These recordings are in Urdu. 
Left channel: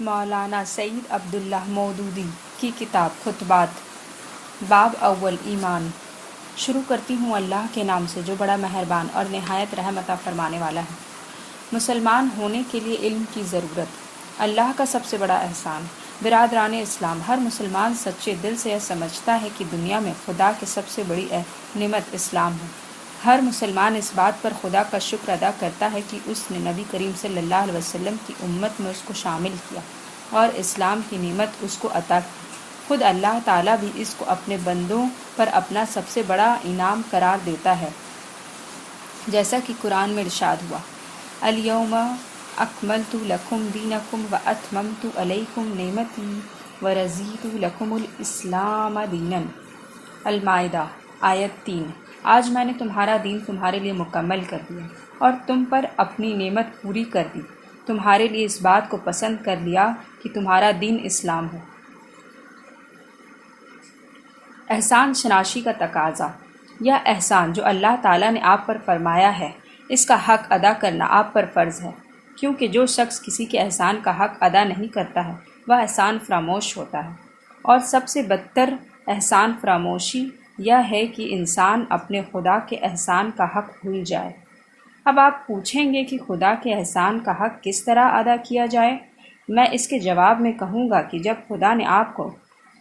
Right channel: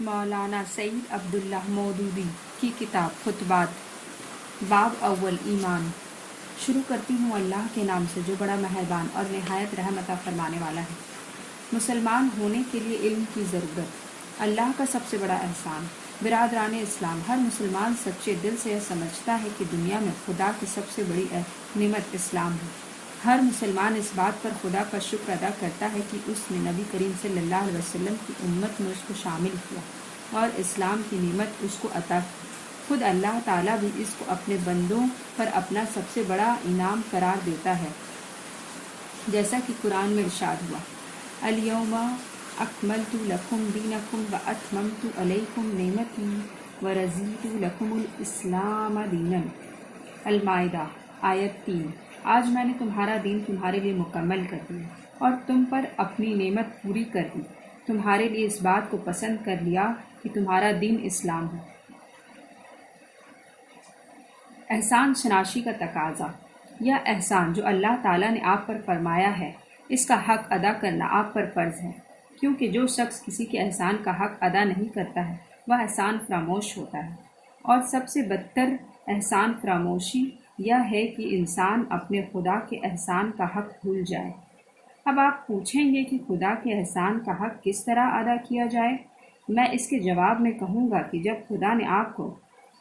مولانا سعید عبداللہ مودودی کی کتاب خطبات باب اول ایمان۔ شروع کرتی ہوں اللہ کے نام سے جو بڑا مہربان اور نہایت رحم عطا فرمانے والا ہے۔ مسلمان ہونے کے لیے علم کی ضرورت اللہ کا سب سے بڑا احسان۔ برادران اسلام، ہر مسلمان سچے دل سے یہ سمجھتا ہے کہ دنیا میں خدا کی سب سے بڑی نعمت اسلام ہے۔ ہر مسلمان اس بات پر خدا کا شکر ادا کرتا ہے کہ اس نے نبی کریم صلی اللہ علیہ وسلم کی امت میں اس کو شامل کیا اور اسلام کی نعمت اس کو عطا کی۔ خود اللہ تعالیٰ بھی اس کو اپنے بندوں پر اپنا سب سے بڑا انعام قرار دیتا ہے، جیسا کہ قرآن میں ارشاد ہوا، الیوم اکملت لکم دینکم واتممت علیکم نعمتی ورضیت لکم الاسلام دینا۔ المائدہ آیت 3۔ آج میں نے تمہارا دین تمہارے لیے مکمل کر دیا اور تم پر اپنی نعمت پوری کر دی، تمہارے لیے اس بات کو پسند کر لیا کہ تمہارا دین اسلام ہو۔ احسان شناسی کا تقاضا۔ یہ احسان جو اللہ تعالیٰ نے آپ پر فرمایا ہے، اس کا حق ادا کرنا آپ پر فرض ہے، کیونکہ جو شخص کسی کے احسان کا حق ادا نہیں کرتا ہے وہ احسان فراموش ہوتا ہے، اور سب سے بدتر احسان فراموشی یہ ہے کہ انسان اپنے خدا کے احسان کا حق بھول جائے۔ اب آپ پوچھیں گے کہ خدا کے احسان کا حق کس طرح ادا کیا جائے؟ میں اس کے جواب میں کہوں گا کہ جب خدا نے آپ کو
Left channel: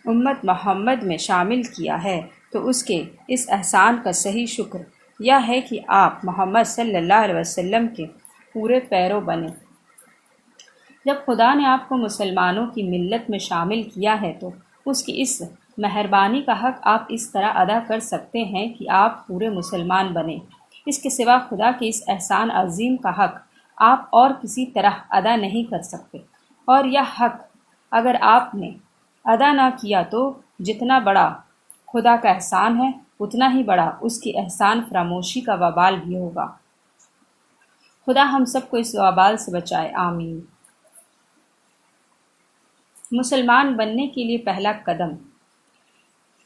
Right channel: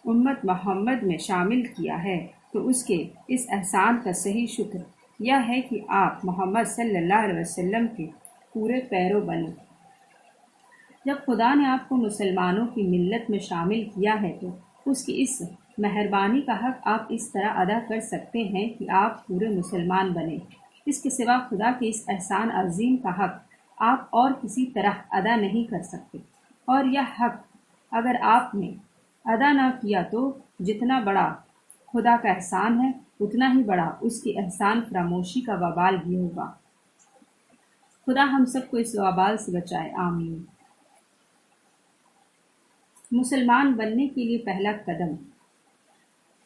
امت محمد میں شامل کیا ہے تو اس کے اس احسان کا صحیح شکر یہ ہے کہ آپ محمد صلی اللہ علیہ وسلم کے پورے پیرو بنے۔ جب خدا نے آپ کو مسلمانوں کی ملت میں شامل کیا ہے تو اس کی اس مہربانی کا حق آپ اس طرح ادا کر سکتے ہیں کہ آپ پورے مسلمان بنیں۔ اس کے سوا خدا کے اس احسان عظیم کا حق آپ اور کسی طرح ادا نہیں کر سکتے، اور یہ حق اگر آپ نے ادا نہ کیا تو جتنا بڑا خدا کا احسان ہے اتنا ہی بڑا اس کی احسان فراموشی کا وبال بھی ہوگا۔ خدا ہم سب کو اس وبال سے بچائے، آمین۔ مسلمان بننے کے لیے پہلا قدم۔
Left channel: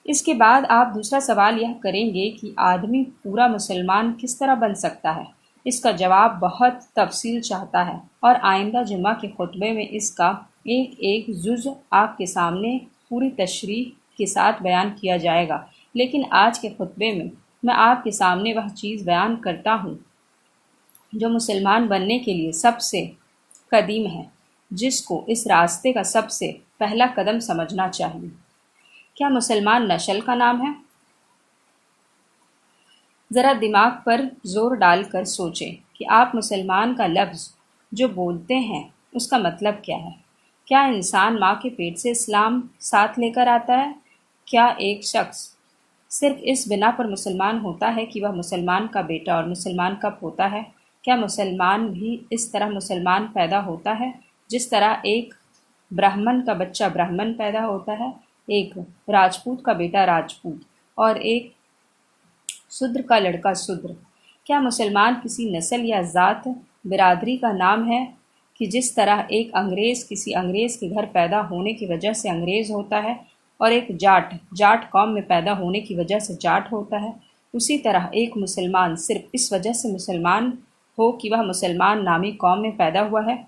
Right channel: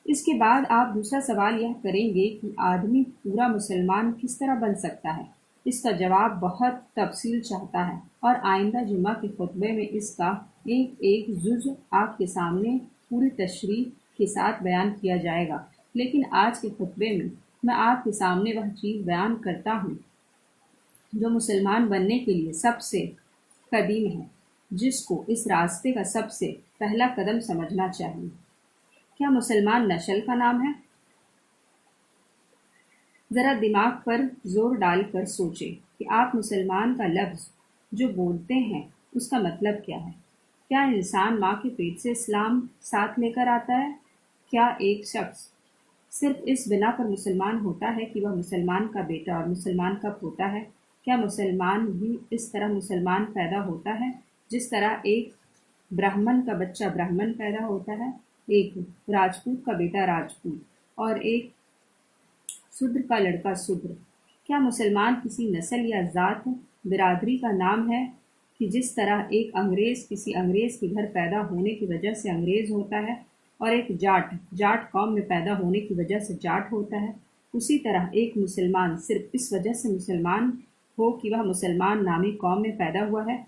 اس کے بعد آپ دوسرا سوال یہ کریں گے کہ آدمی پورا مسلمان کس طرح بن سکتا ہے؟ اس کا جواب بہت تفصیل چاہتا ہے، اور آئندہ جمعہ کے خطبے میں اس کا ایک ایک جزء آپ کے سامنے پوری تشریح کے ساتھ بیان کیا جائے گا، لیکن آج کے خطبے میں آپ کے سامنے وہ چیز بیان کرتا ہوں جو مسلمان بننے کے لیے سب سے قدیم ہے، جس کو اس راستے کا سب سے پہلا قدم سمجھنا چاہیے۔ کیا مسلمان نسل کا نام ہے؟ ذرا دماغ پر زور ڈال کر سوچیں کہ آپ مسلمان کا لفظ جو بولتے ہیں اس کا مطلب کیا ہے۔ کیا انسان ماں کے پیٹ سے اسلام ساتھ لے کر آتا ہے؟ کیا ایک شخص صرف اس بنا پر مسلمان ہوتا ہے کہ وہ مسلمان کا بیٹا اور مسلمان کا پوتا ہے؟ کیا مسلمان بھی اس طرح مسلمان پیدا ہوتا ہے جس طرح ایک برہمن کا بچہ برہمن پیدا ہوتا ہے، ایک راجپوت کا بیٹا راجپوت اور ایک شودر کا لڑکا شودر؟ کیا مسلمان کسی نسل یا ذات برادری کا نام ہے کہ جس طرح ایک انگریز کسی انگریز کے گھر پیدا ہونے کی وجہ سے انگریز ہوتا ہے اور ایک جاٹ قوم میں پیدا ہونے کی وجہ سے جاٹ ہوتا ہے، اسی طرح ایک مسلمان صرف اس وجہ سے مسلمان ہو کہ وہ مسلمان نامی قوم میں پیدا ہوا ہے؟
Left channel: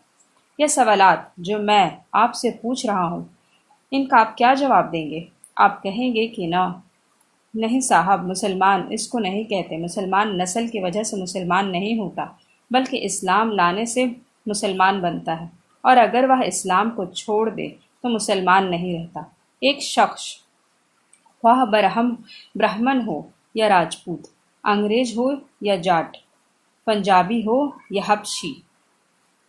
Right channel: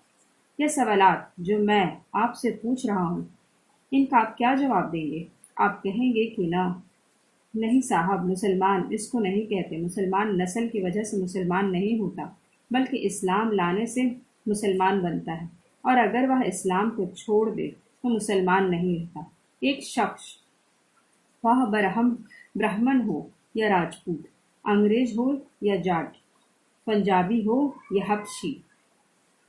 یہ سوالات جو میں آپ سے پوچھ رہا ہوں، ان کا آپ کیا جواب دیں گے؟ آپ کہیں گے کہ نہیں صاحب، مسلمان اس کو نہیں کہتے، مسلمان نسل کی وجہ سے مسلمان نہیں ہوتا بلکہ اسلام لانے سے مسلمان بنتا ہے، اور اگر وہ اسلام کو چھوڑ دے تو مسلمان نہیں رہتا۔ ایک شخص وہ برہمن ہو یا راجپوت، انگریز ہو یا جاٹ، پنجابی ہو یا حبشی،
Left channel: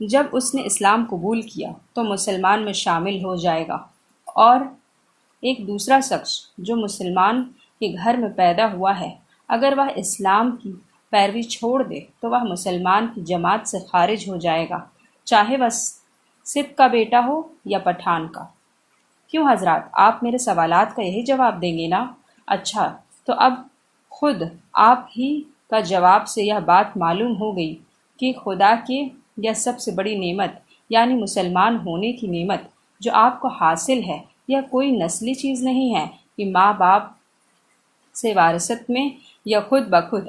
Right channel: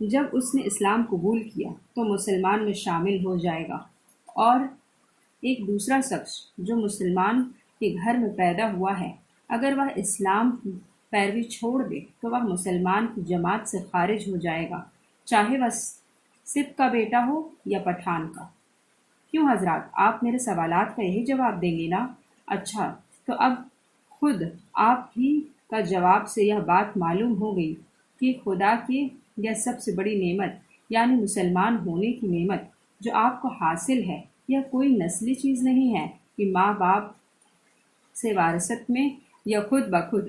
جب اس نے اسلام قبول کیا تو مسلمان میں شامل ہو جائے گا، اور ایک دوسرا شخص جو مسلمان کے گھر میں پیدا ہوا ہے اگر وہ اسلام کی پیروی چھوڑ دے تو وہ مسلمان کی جماعت سے خارج ہو جائے گا، چاہے وہ سکھ کا بیٹا ہو یا پٹھان کا۔ کیوں حضرات، آپ میرے سوالات کا یہی جواب دیں گے نا؟ اچھا، تو اب خود آپ ہی کا جواب سے یہ بات معلوم ہو گئی کہ خدا کی یہ سب سے بڑی نعمت یعنی مسلمان ہونے کی نعمت جو آپ کو حاصل ہے، یہ کوئی نسلی چیز نہیں ہے کہ ماں باپ سے وراثت میں یا خود بخود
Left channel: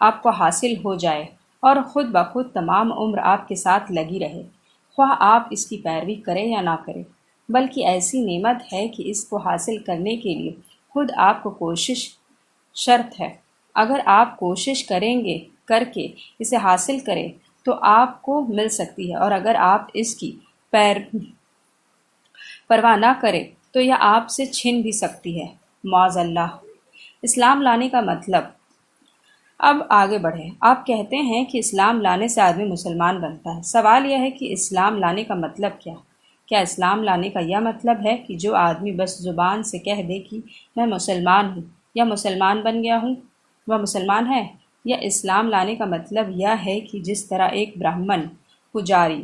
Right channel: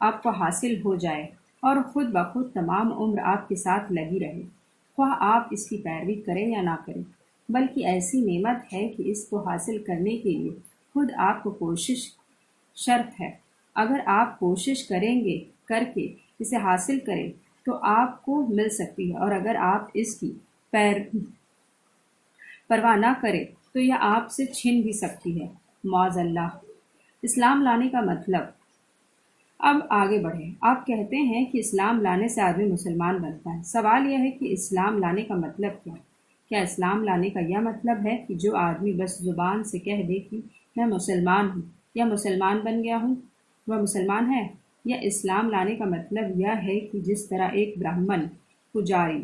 آپ کو حاصل ہو جائے اور خود بخود تمام عمر آپ کے ساتھ لگی رہے۔ خواہ آپ اس کی پیروی کریں یا نہ کریں، بلکہ ایسی نعمت ہے کہ اس کو حاصل کرنے کے لیے خود آپ کو کوشش شرط ہے۔ اگر آپ کوشش کریں گے کر کے اسے حاصل کریں تو آپ کو مل سکتی ہے، اور اگر آپ اس کی پرواہ نہ کریں تو یہ آپ سے چھن بھی سکتی ہے، معاذ اللہ۔ اسلام لانے کا مطلب۔ اب آگے بڑھیں۔ آپ کہتے ہیں کہ اسلام لانے سے آدمی مسلمان بنتا ہے۔ سوال یہ ہے کہ اسلام لانے کا مطلب کیا اسلام لانے کا یہ مطلب ہے کہ جو آدمی بس زبان سے کہہ دے کہ میں مسلمان ہوں یا مسلمان بن گیا ہوں، وہ مسلمان ہے؟ یا اسلام لانے کا مطلب یہ ہے کہ جس طرح ایک برہمن پجاری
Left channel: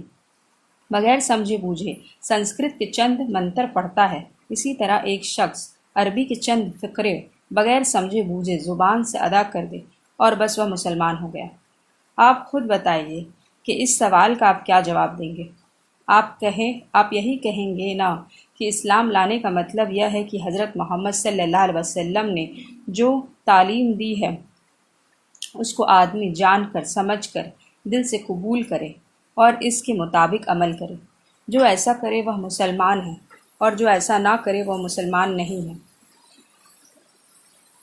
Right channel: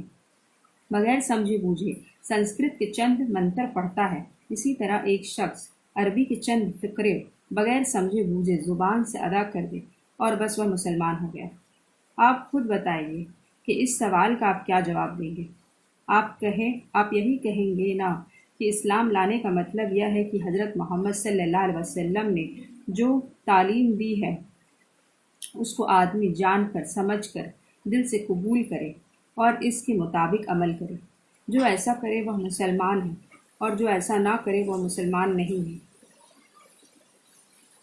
بغیر سمجھے بوجھے سنسکرت کے چند منتر پڑھتا ہے، اسی طرح ایک شخص عربی کے چند فقرے بغیر سمجھے بوجھے زبان سے ادا کر دے اور بس وہ مسلمان ہو گیا۔ آپ خود بتائیے کہ اس سوال کا آپ کیا جواب دیں گے؟ آپ یہی کہیں گے نا کہ اسلام لانے کا مطلب یہ ہے کہ حضرت محمد صلی اللہ علیہ وسلم نے جو تعلیم دی ہے اس کو آدمی جان کر سمجھ کر دل سے قبول کرے اور اس کے مطابق عمل کرے۔ جو ایسا کرے وہ مسلمان ہے، اور جو ایسا نہ کرے وہ مسلمان نہیں ہے۔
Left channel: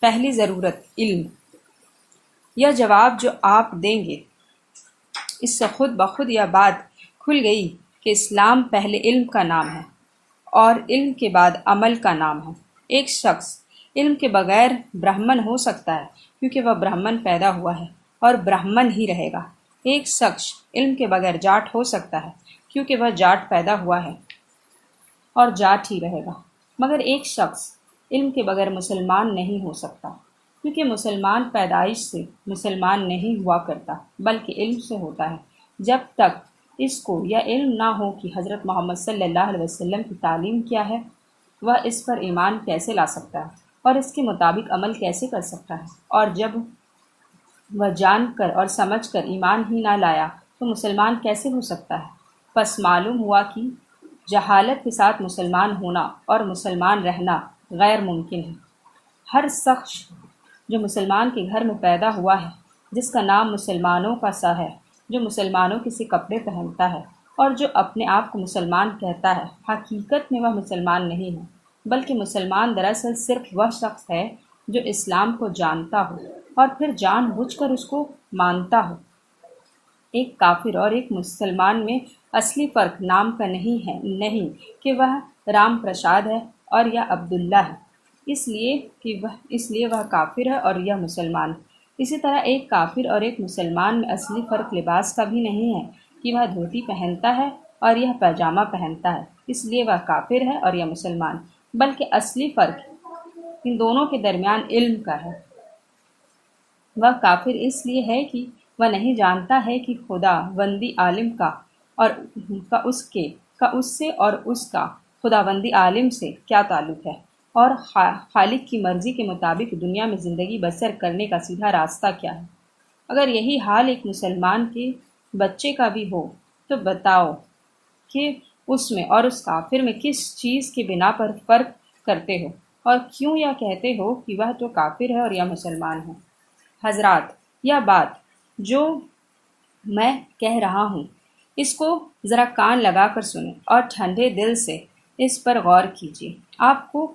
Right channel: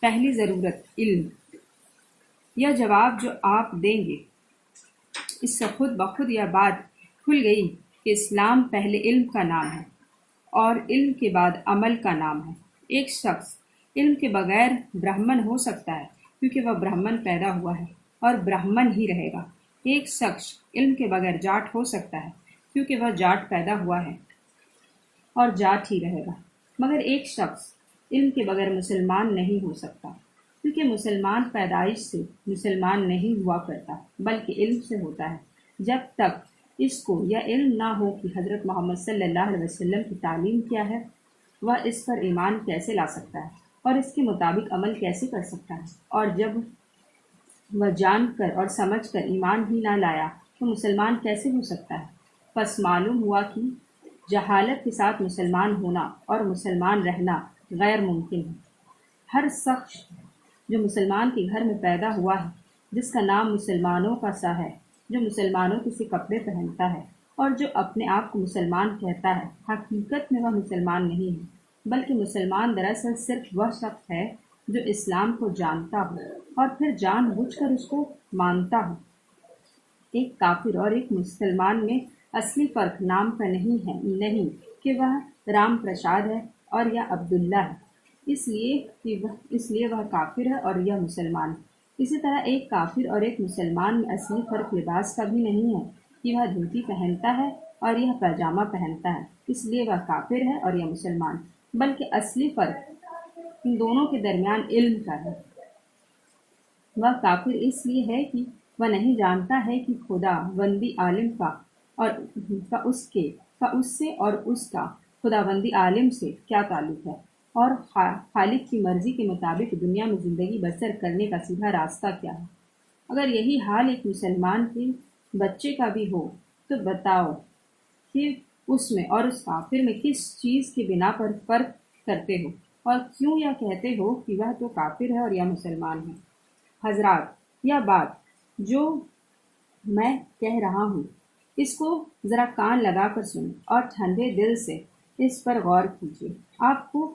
پہلی ضرورت علم۔ یہ جواب جو آپ دیں گے اس سے خود بخود یہ بات کھل گئی کہ اسلام پہلے علم کا نام ہے اور علم کے بعد عمل کا نام ہے۔ ایک شخص علم کے بغیر برہمن ہو سکتا ہے کیونکہ وہ برہمن پیدا ہوا ہے اور برہمن ہی رہے گا۔ ایک شخص علم کے بغیر جاٹ ہو سکتا ہے کیونکہ وہ جاٹ پیدا ہوا ہے اور جاٹ ہی رہے گا، مگر ایک شخص علم کے بغیر مسلمان نہیں ہو سکتا کیونکہ مسلمان پیدائش سے مسلمان نہیں ہوا کرتا بلکہ علم سے ہوتا ہے۔ جب تک اس کو یہ علم نہ ہو کہ حضرت محمد صلی اللہ علیہ وسلم کی تعلیم کیا ہے، وہ اس پر ایمان کیسے لا سکتا ہے اور اس کے مطابق عمل کیسے کر سکتا ہے؟ اور جب وہ جان کر اور سمجھ کر ایمان ہی نہ لایا تو مسلمان کیسے ہو سکتا ہے؟ پس معلوم ہوا کہ جہالت کے ساتھ مسلمان ہونا اور مسلمان رہنا غیر ممکن ہے۔ ہر شخص جو مسلمان کے گھر میں پیدا ہوا ہے، جس کا نام مسلمانوں کا سا ہے، جو مسلمانوں کے سے کپڑے پہنتا ہے اور جو اپنے آپ کو مسلمان کہتا ہے، حقیقت میں وہ مسلمان نہیں ہے، بلکہ مسلمان دراصل صرف وہ شخص ہے جو اسلام کو جانتا ہو اور پھر جان بوجھ کر اس کو مانتا ہو۔ ایک کافر اور ایک مسلمان میں اصلی فرق نام کا نہیں کہ وہ رام پرساد ہے اور یا عبداللہ ہے، اس لیے وہ کافر ہے اور یہ مسلمان۔ اسی طرح ایک کافر اور ایک مسلمان میں اصلی فرق لباس کا بھی نہیں ہے کہ وہ دھوتی پہنتا ہے اور یہ پاجامہ پہنتا ہے، اس لیے وہ کافر ہے اور یہ مسلمان، بلکہ اصلی فرق ان دونوں کے درمیان علم کا ہے۔ وہ کافر اس لیے ہے کہ وہ نہیں جانتا ہے کہ خدا بندی عالم کا اس سے اور اس کا خدا بندی عالم سے کیا تعلق ہے، اور خالق کی مرضی کے مطابق دنیا میں زندگی بسر کرنے کا سیدھا راستہ کیا ہے۔ اگر یہی حال ایک مسلمان کے بچے کا بھی ہو تو بتاؤ کہ اس میں اور اس کافر میں کس چیز کی بنا پر فرق کرتے ہو، اور کیوں یہ کہتے ہو کہ وہ تو کافر ہے اور یہ مسلمان ہے؟ حضرات، یہ بات جو میں کہہ رہا ہوں اس کو ذرا کان لگا کر سنیں اور ٹھنڈے دل سے اس پر غور کیجیے۔ آپ کو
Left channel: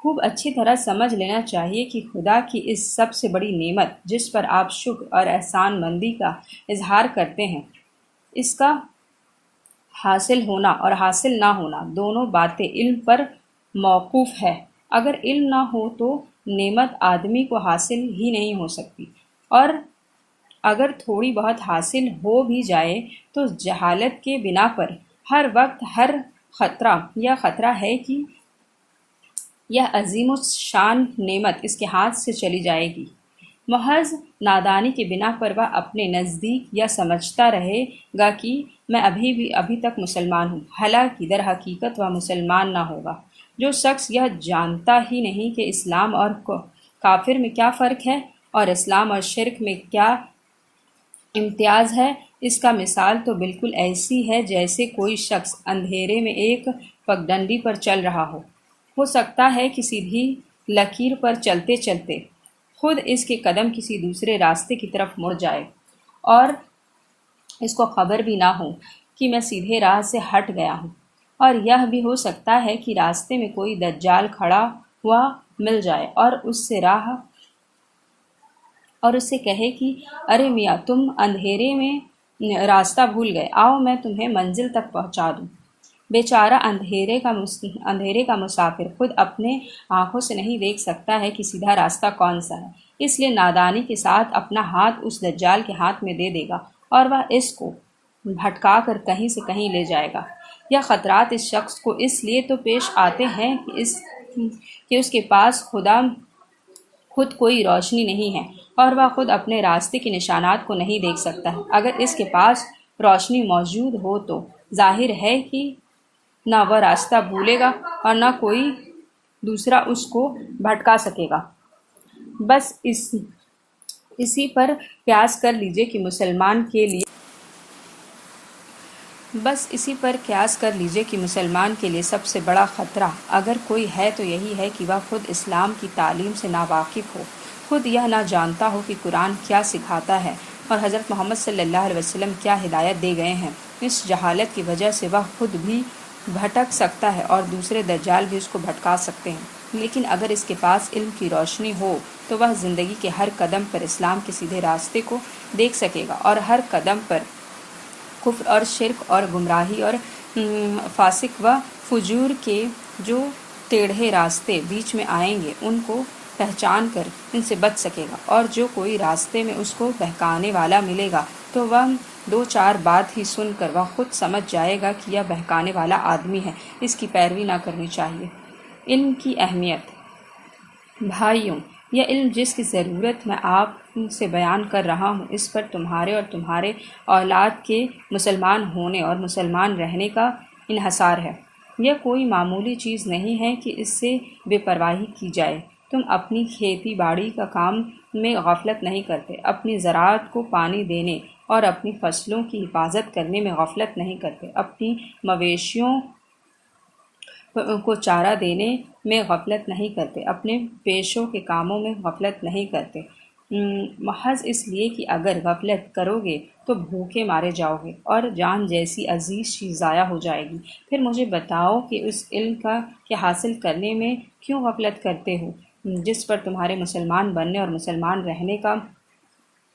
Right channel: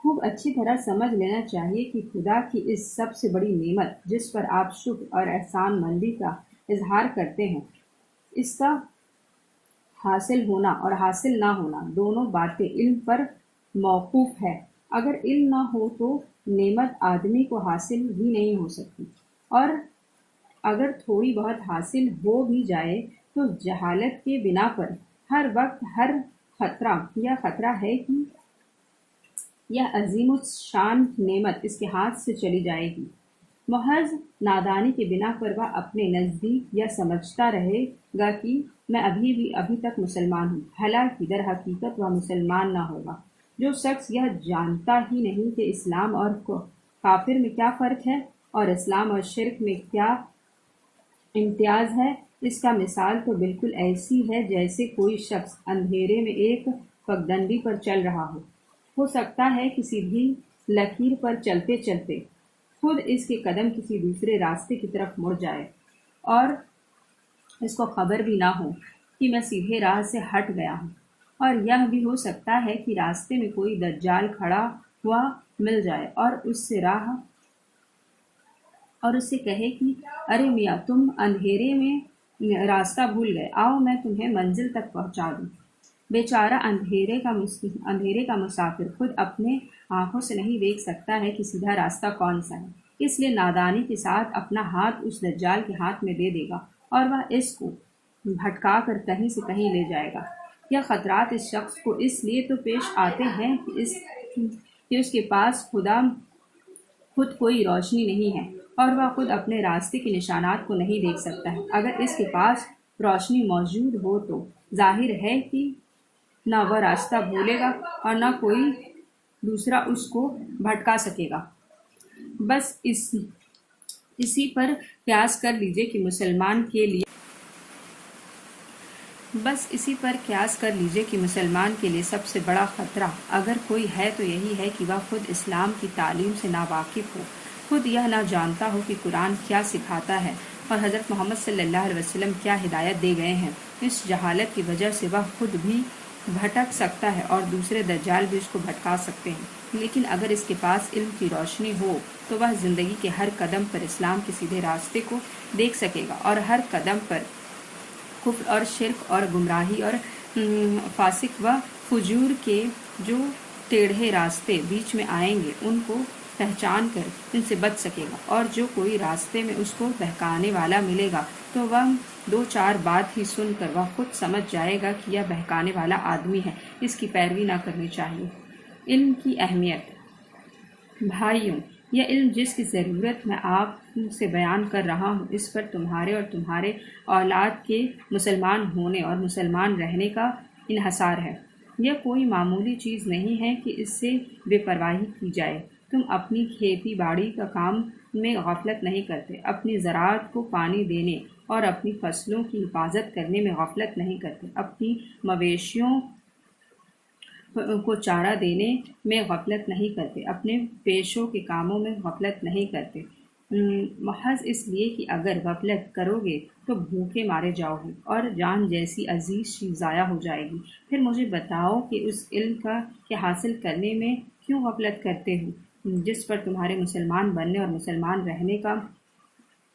خوب اچھی طرح سمجھ لینا چاہیے کہ خدا کی اس سب سے بڑی نعمت جس پر آپ شکر اور احسان مندی کا اظہار کرتے ہیں، اس کا حاصل ہونا اور حاصل نہ ہونا دونوں باتیں علم پر موقوف ہے۔ اگر علم نہ ہو تو نعمت آدمی کو حاصل ہی نہیں ہو سکتی، اور اگر تھوڑی بہت حاصل ہو بھی جائے تو جہالت کے بنا پر ہر وقت یہ خطرہ ہے کہ یہ عظیم الشان نعمت اس کے ہاتھ سے چلی جائے گی۔ محض نادانی کے بنا پر وہ اپنے نزدیک یہ سمجھتا رہے گا کہ میں ابھی تک مسلمان ہوں، حالانکہ در حقیقت وہ مسلمان نہ ہوگا۔ جو شخص یہ جانتا ہی نہیں کہ اسلام اور کافر میں کیا فرق ہے اور اسلام اور شرک میں کیا امتیاز ہے، اس کا مثال تو بالکل ایسی ہے جیسے کوئی شخص اندھیرے میں ایک پگڈنڈی پر چل رہا ہو سکتا ہے کہ سیدھی لکیر پر چلتے چلتے خود اس کے قدم کسی دوسرے راستے کی طرف مڑ جائے اور اس کو خبر بھی نہ ہو کہ میں سیدھے راہ سے ہٹ گیا ہوں، اور یہ بھی ہو سکتا ہے کہ راستے میں کوئی دجال کھڑا ہوا مل جائے اور اس سے کہے کہ ارے میاں، تم اندھیرے میں راستہ بھول گئے، آؤ میں تمہیں منزل تک پہنچا دوں۔ بیچارہ اندھیرے کا مسافر خود اپنے آنکھوں سے نہیں دیکھ سکتا ہے کہ سیدھا راستہ کون سا ہے، اس لیے نادانی کے ساتھ اپنا ہاتھ اس دجال کے ہاتھ میں دے دے گا اور وہ اس کو بھٹکا کر کہیں سے کہیں لے جائے گا۔ یہ خطرات اس شخص کو اس لیے تو پیش آتے ہیں کہ اس کے پاس خود کوئی روشنی نہیں ہے اور وہ خود اپنے راستے کے نشانات کو نہیں دیکھ سکتا ہے۔ اگر اس کے پاس روشنی موجود ہو تو ظاہر ہے کہ نہ وہ راستہ بھولے گا اور نہ کوئی دوسرا اس کو بھٹکا سکے گا۔ بس اسی پر قیاس کر لیجئے کہ مسلمان کے لیے سب سے بڑا خطرہ اگر کوئی ہے تو یہی ہے کہ وہ خود اسلام کی تعلیم سے ناواقف ہو، خود یہ نہ جانتا ہو کہ قرآن کیا سکھاتا ہے اور حضرت محمد صلی اللہ علیہ وسلم کیا ہدایت دے گئے ہیں۔ اس جہالت کی وجہ سے وہ خود بھی بھٹک سکتا ہے اور دوسرے دجال بھی اس کو بھٹکا سکتے ہیں، لیکن اگر اس کے پاس علم کی روشنی ہو تو وہ زندگی کے ہر قدم پر اسلام کے سیدھے راستے کو دیکھ سکے گا اور ہر قدم پر کفر اور شرک اور گمراہی اور فاسق و فجور کے جو ٹیڑھے راستے بیچ میں آئیں گے ان کو پہچان کر ان سے بچ سکے گا، اور جو کوئی راستے میں اس کو بہکانے والا ملے گا تو وہ دو چار بات ہی سن کر وہ خود سمجھ جائے گا کہ یہ بہکانے والا آدمی ہے، اس کی پیروی نہ کرنی چاہیے۔ علم کی اہمیت۔ بھائیوں، یہ علم جس کی ضرورت میں آپ سے بیان کر رہا ہوں، اس پر تمہارے اور تمہارے اولاد کے مسلمان ہونے اور مسلمان رہنے کا انحصار ہے۔ یہ کوئی معمولی چیز نہیں ہے کہ اس سے بے پرواہی کی جائے۔ تم اپنی کھیتی باڑی کا کام میں غفلت نہیں کرتے، اپنی زراعت کو پانی دینے اور اپنی فصلوں کی حفاظت کرنے میں غفلت نہیں کرتے، اپنی مویشیوں کو چارہ دینے میں غفلت نہیں کرتے، اپنے پیشوں کے کاموں میں غفلت نہیں کرتے، محض اس لیے کہ اگر غفلت کرو گے تو بھوکے مارے جاؤ گے اور جان جیسی عزیز چیز ضائع ہو جائے گی۔ پھر مجھے بتاؤ کہ اس علم کے حاصل کرنے میں کیوں غفلت کرتے ہو جس پر تمہارے مسلمان بننے اور مسلمان رہنے کا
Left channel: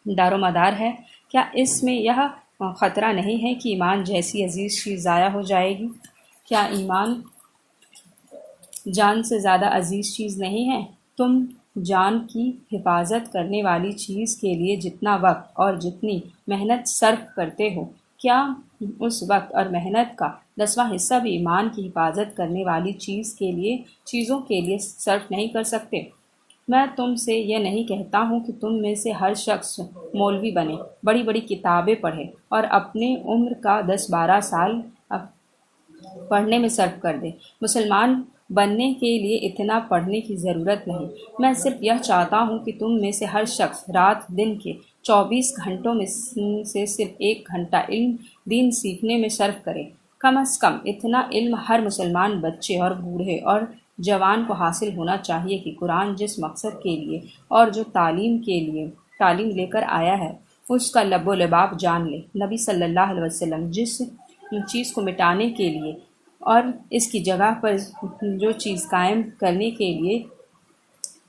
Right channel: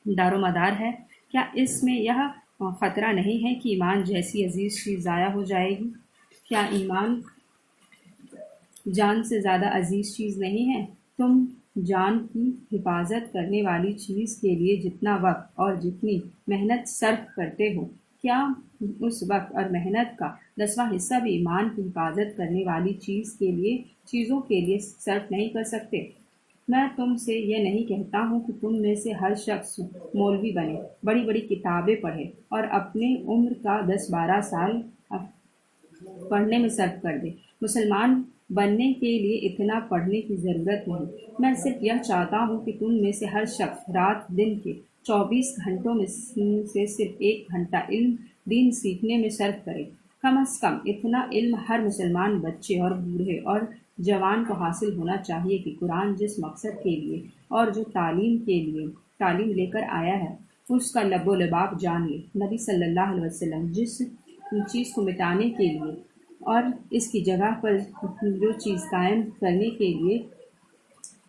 دار و مدار ہے؟ کیا اس میں یہ خطرہ نہیں ہے کہ ایمان جیسی عزیز چیز ضائع ہو جائے گی؟ کیا ایمان جان سے زیادہ عزیز چیز نہیں ہے؟ تم جان کی حفاظت کرنے والی چیز کے لیے جتنا وقت اور جتنی محنت صرف کرتے ہو، کیا اس وقت اور محنت کا 10واں حصہ بھی ایمان کی حفاظت کرنے والی چیزوں کے لیے صرف نہیں کر سکتے؟ میں تم سے یہ نہیں کہتا ہوں کہ تم میں سے ہر شخص مولوی بنے، بڑی بڑی کتابیں پڑھے اور اپنے عمر کا 10-12 سال پڑھنے میں صرف کر دے۔ مسلمان بننے کے لیے اتنا پڑھنے کی ضرورت نہیں۔ میں صرف یہ چاہتا ہوں کہ تم میں سے ہر شخص رات دن کے 24 گھنٹوں میں سے صرف 1 گھنٹہ علم دین سیکھنے میں صرف کرے۔ کم از کم اتنا علم ہر مسلمان بچے اور بوڑھے اور جوان کو حاصل ہونا چاہیے کہ قرآن جس مقصد کے لیے اور جو تعلیم لے کر آیا ہے اس کا لب و لباب جان لے۔ نبی صلی اللہ علیہ وسلم جس چیز کو مٹانے کے لیے اور اس کی جگہ پر جو چیز قائم کرنے کے لیے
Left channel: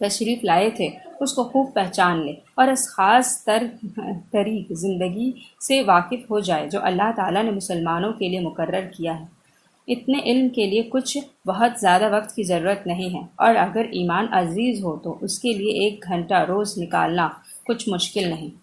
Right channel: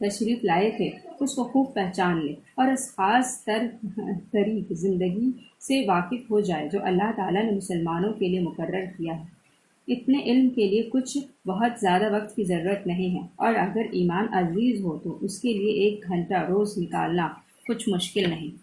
تشریف لائے تھے اس کو خوب پہچان لے اور اس خاص طریق زندگی سے واقف ہو جائے جو اللہ تعالیٰ نے مسلمانوں کے لیے مقرر کیا ہے۔ اتنے علم کے لیے کچھ بہت زیادہ وقت کی ضرورت نہیں ہے، اور اگر ایمان عزیز ہو تو اس کے لیے 1 گھنٹہ روز نکالنا کچھ مشکل نہیں۔